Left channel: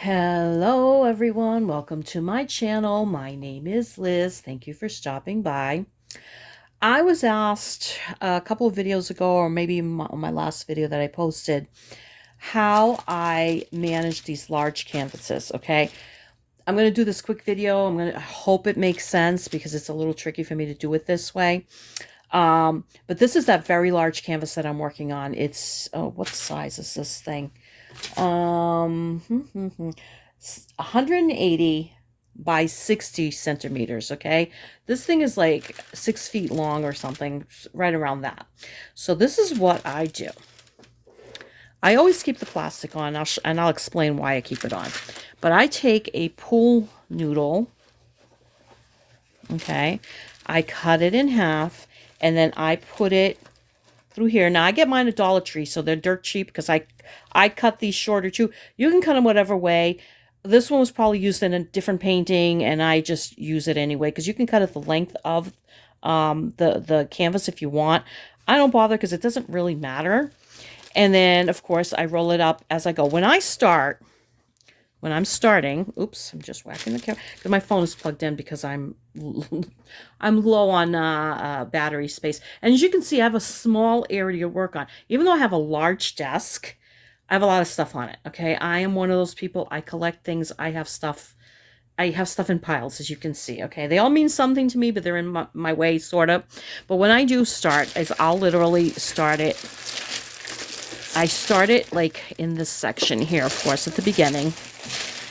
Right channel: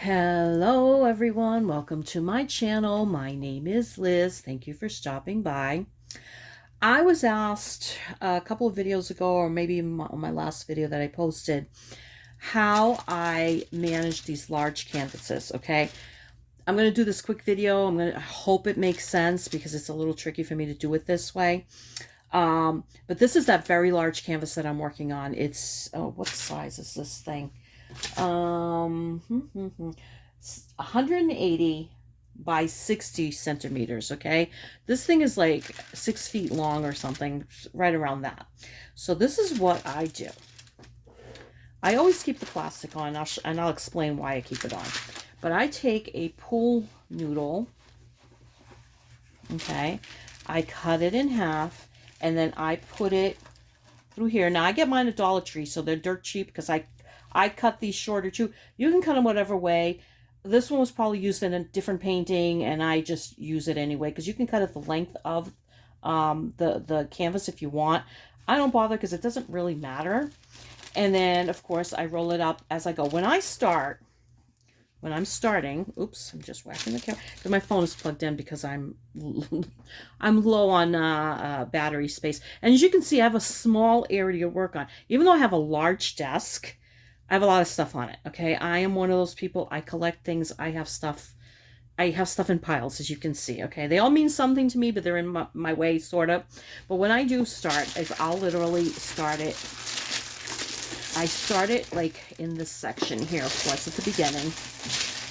Hello everyone, welcome to my channel. My name is Liz. Thank you for stopping by. I was asked a couple of videos ago, or maybe my last video that I posted, how I manage these large canvases. Okay, I'm going to do this quick video. I'm going to hope it makes sense because it's a little tricky for me to do it this way. But this is that very large canvas that I'm working on. It's, oh, what size is this thing? 180 by 60 centimeters. Okay, this thing is like 6 feet long or something, right around that. So this is what I do. I always keep the plastic on, and I'll explain why I keep it on. But I take a pool noodle, okay, I cut it in half, and then I put it through here. Now I get mine at Dollar Tree, so they're dirt cheap because I cut these shorter too. You can cut them whatever way. This one was probably used in a different painting, and I just use it anyway because you can cut it the length of the canvas if you want. I don't bother because it doesn't really matter. And then, of course, I roll it up as I go. When I'm starting, oops, I'm just whacking the camera. My phone is plugged in because I'm low on battery space. And as you can see, I have a small area to work on. Even though I have a large desk, I have a lot of stuff on it, okay? I am one of those people, I collect things, I have stuff in piles, as you can see, okay? They all mean something to me, but they're in my way, sort of. But when I do start, I'll literally start it. I start it like in this section here, of course, at the beginning.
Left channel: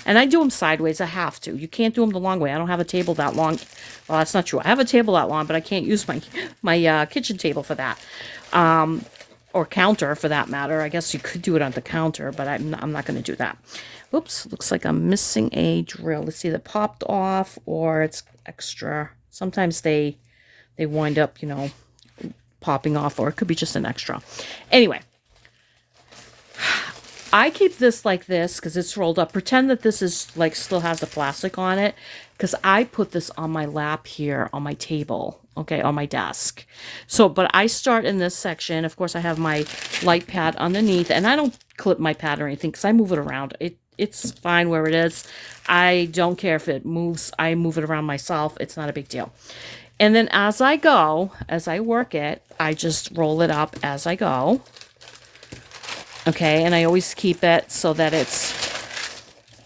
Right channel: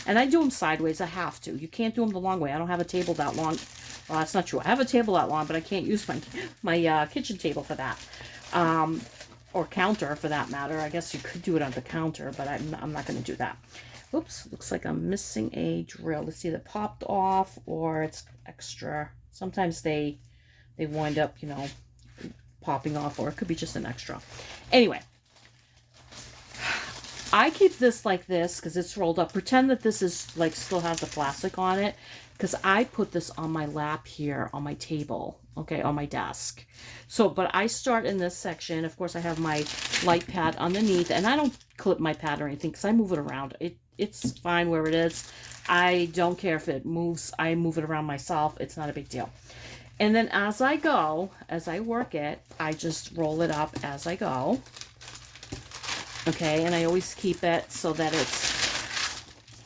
And I do them sideways. I have to. You can't do them the long way. I don't have a table that long. Well, that's not true. I have a table that long, but I can't use my kitchen table for that. Or counter, for that matter. I guess you could do it on the counter, but I'm not going to do that. Oops, looks like I'm missing a drill. It's either popped off or it's extra. Sometimes they wind up, you know, popping off, or it could be just an extra. Anyway. I keep this like this because it's rolled up. Pretend that this is like still has the plastic on it, because I put this on my lap here on my table, okay, on my desk. So, but I start in this section. Of course, I have my light pad underneath, and I don't clip my pad or anything because I move it around. It's fine where it is. I don't care if it moves. I move it around myself. It's not a big deal. And then as I go, as I work it, I just roll it up as I go. Okay, and I always keep it so that it's,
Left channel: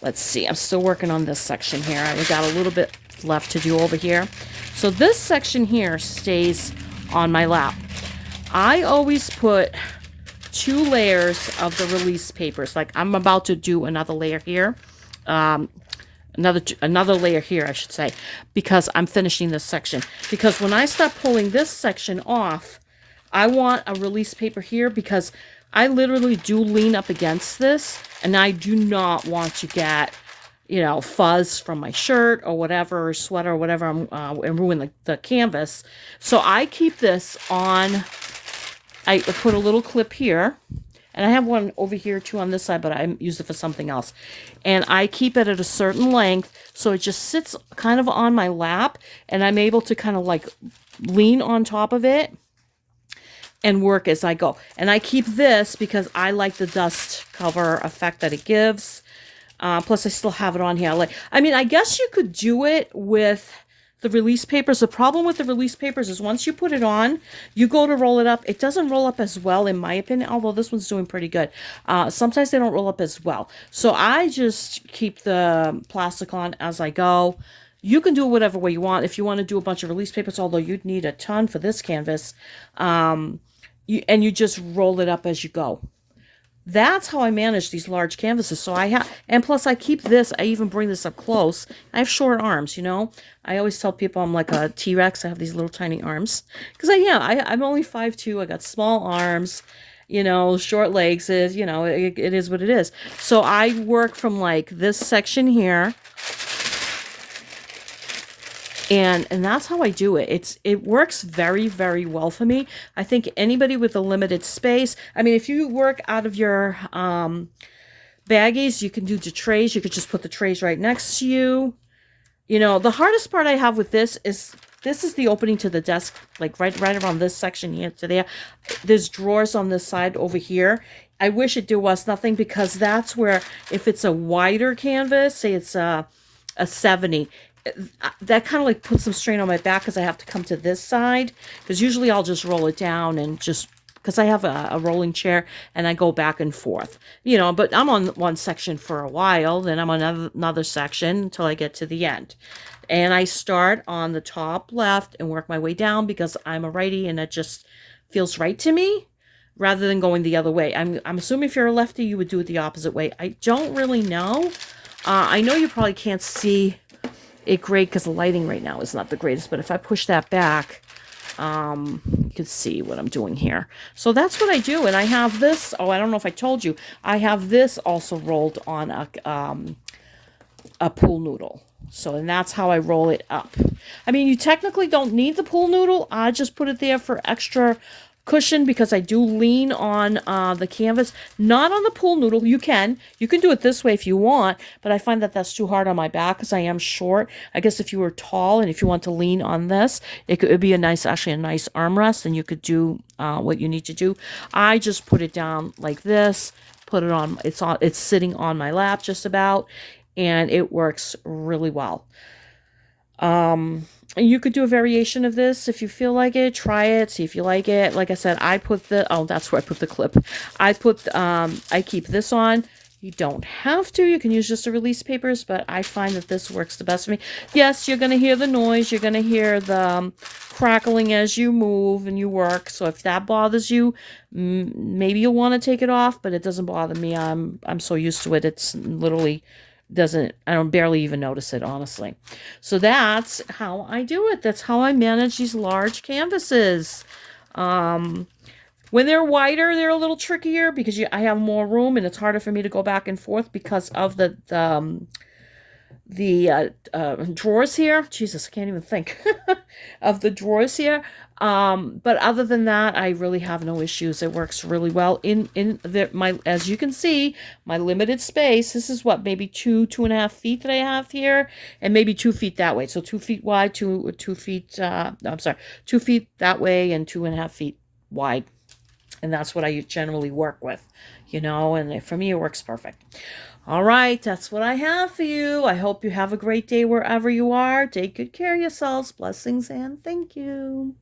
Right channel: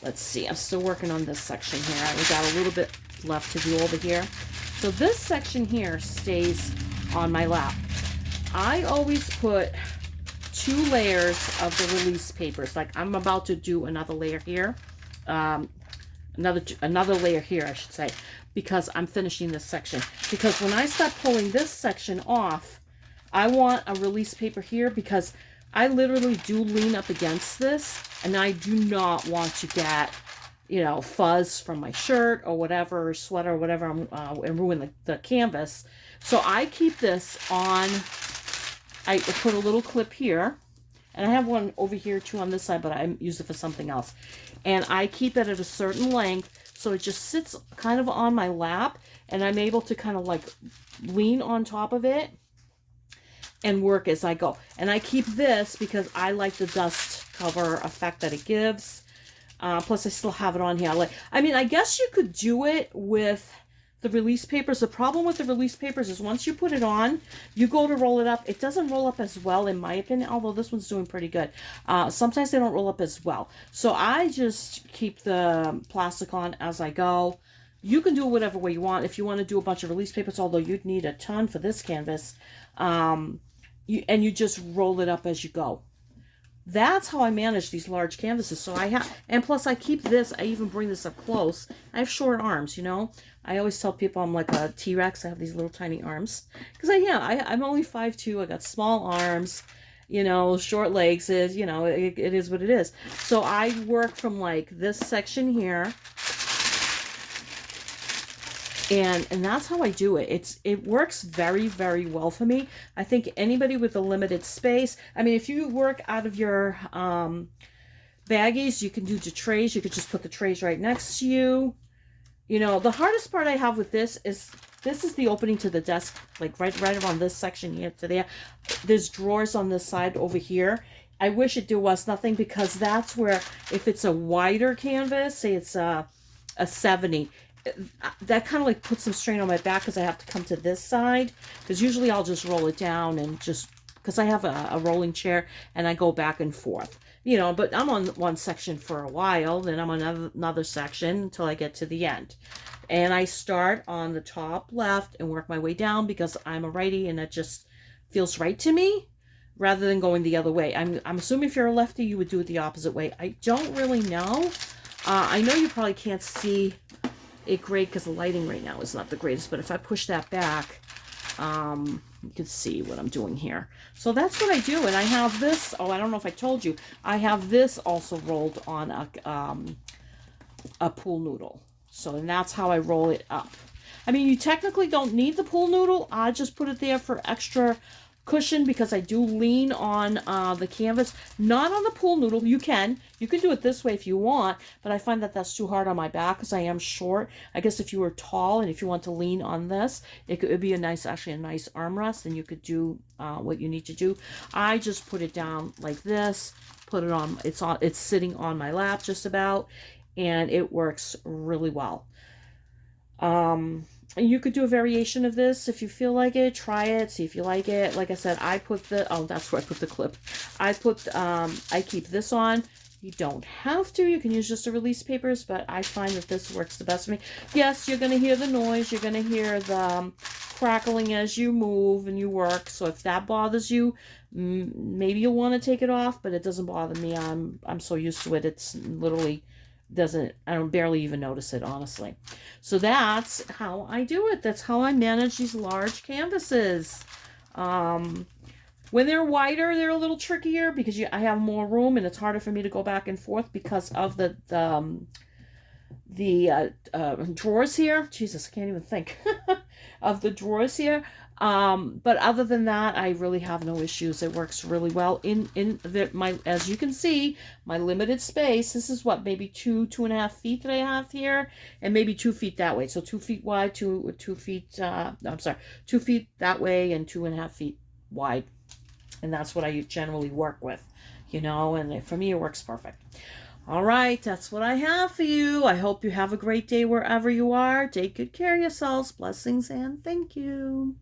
let's see, I'm still working on this section here. I've got a little bit left to do over here. So this section here stays on my lap. I always put 2 layers of the release papers. Like I'm about to do another layer here. Another layer here, I should say, because I'm finishing this section. Because when I start pulling this section off, I want a release paper here because I literally do lean up against this, and I do not want to get, you know, fuzz from my shirt or whatever, or sweater or whatever, and ruin the canvas. So I keep this on, I put a little clip here, and I have one over here too on this side, but I use it for something else. And I keep it at a certain length, so it just sits kind of on my lap, and I'm able to kind of like lean on top of it and work as I go. And I keep this because I like the dust cover effect that it gives. Plus I still have it on here. I mean, I guess you could do it with the release papers. The problem with the release papers is once you put it on, you go to roll it up. It doesn't roll up as well, in my opinion, although this one's doing pretty good. Sometimes they don't roll up as well. So I just keep the plastic on as I go. You can do it whatever way you want. If you want to do a bunch of release papers, although you'd need a ton for this canvas, you just roll it up as you go. That's how I manage these large canvases. So and plus I keep this, I even bring this up close. I have short arms, you know. I always tell people I'm like a T-Rex. I have these little tiny arms. Because I'm only 5'2". I got small arms, you know, short legs. You know, it is what it is. So I work from like this section here. And that's how I do it. It works very, very well for me. I think anybody with a limited space, I mean, if you work out of your baggies, you can do the trays. You could just put the trays right next to you. You know, the hardest part I have with this is the opening to the desk, like right around this section here to there. There's drawers on this side over here. I wish there was nothing, because that's where, if it's a wider canvas, say it's a 70, that kind of like puts some strain on my back, because I have to come to this side, because usually I'll just roll it down and just, because I have a rolling chair and I go back and forth, you know, but I'm on one section for a while, then I'm on another section until I get to the end. And I start on the top left and work my way down, because I'm a righty and it just feels right to me, rather than going the other way. I'm assuming if you're a lefty, you would do it the opposite way. I don't really know. I know you probably can't see it great because the lighting right now is not the greatest, but if I push that back, you can see what I'm doing here. So that's what I do. And I have this, oh, I don't know if I told you, I have this also rolled on a pool noodle. So, and that's how I roll it up. I mean, you technically don't need the pool noodle. I just put it there for extra cushion, because I do lean on the canvas, not on the pool noodle. You can do it this way if you want, but I find that that's too hard on my back because I am short. I guess if you were tall and if you want to lean on this, it'd be actually a nice armrest, and you could do what you need to do. I just put it down like this, put it on, it's sitting on my lap just about, and it works really well. You could do a variation of this if you feel like it. Try it, see if you like it. Like I said, I put that's where I put the clip. I keep this on. You don't have to. You can use just the release papers, but I find that this works the best for me. Yes, you're going to hear the noise. You're going to hear the crackling as you move and you work. So if that bothers you, maybe you'll want to take it off, but it doesn't bother me. I'm so used to it. It's literally I don't barely even notice it, honestly. So that's how I do it. That's how I manage these large canvases. When they're wider, they're a little trickier, because I have more room and it's harder for me to go back and forth because of the drawers here. Jesus, I can't even think of the drawers here. But other than that, I really have no issues. It works really well as you can see, my limited space. This is what, maybe 2.5 feet that I have here, and maybe 2 feet that way. So 2 feet wide, 2 feet, I'm sorry, 2 feet that way and 2.5 feet wide. And that's what I generally work with, you know, and for me, it works perfect. All right, that's what I have for you. I hope you have a great day wherever you are. Take good care of yourselves. Blessings and thank you.